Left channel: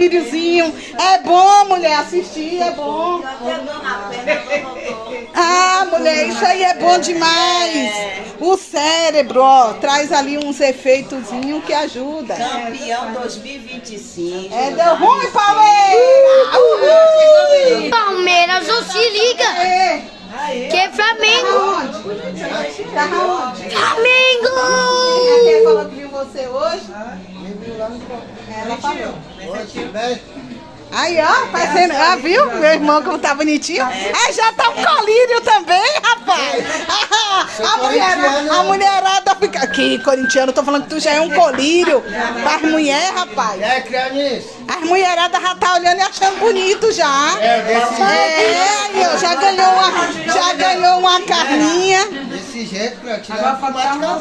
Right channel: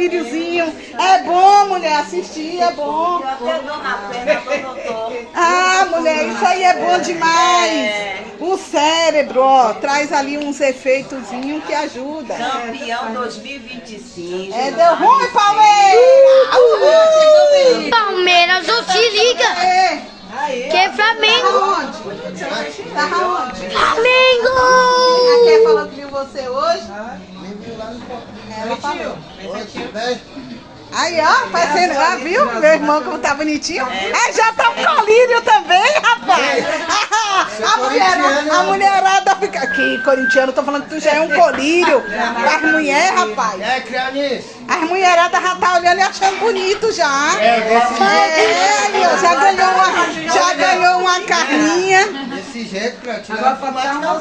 colíriozinho. É bom, mulher, assistir, é bom. Ah, mulher, isso aí é bom demais. O cérebro, ó, traz ali uns efeitozinhos que ajuda. Campeão 2025. É, deu ruim, Palmeiras! Palmeiras, não se liga. É. Que é Flamengo. Tá onde? Flamengo. Até falou que viu você hoje. Ela falou. Aí, ó, tá sendo, viu? Meu irmão como tá bonitinho. É, já tá um colírio também, rapaz. A mulherada fica... Aqui, corintiano, tô falando que tu já é um colírio. As mulheres, rapaz. É, Crianis. As mulheradas já tá olhando e achando bonito já. Aí, ó, já ganhou uma carninha. Desse jeito, Crianis. Agora pode dar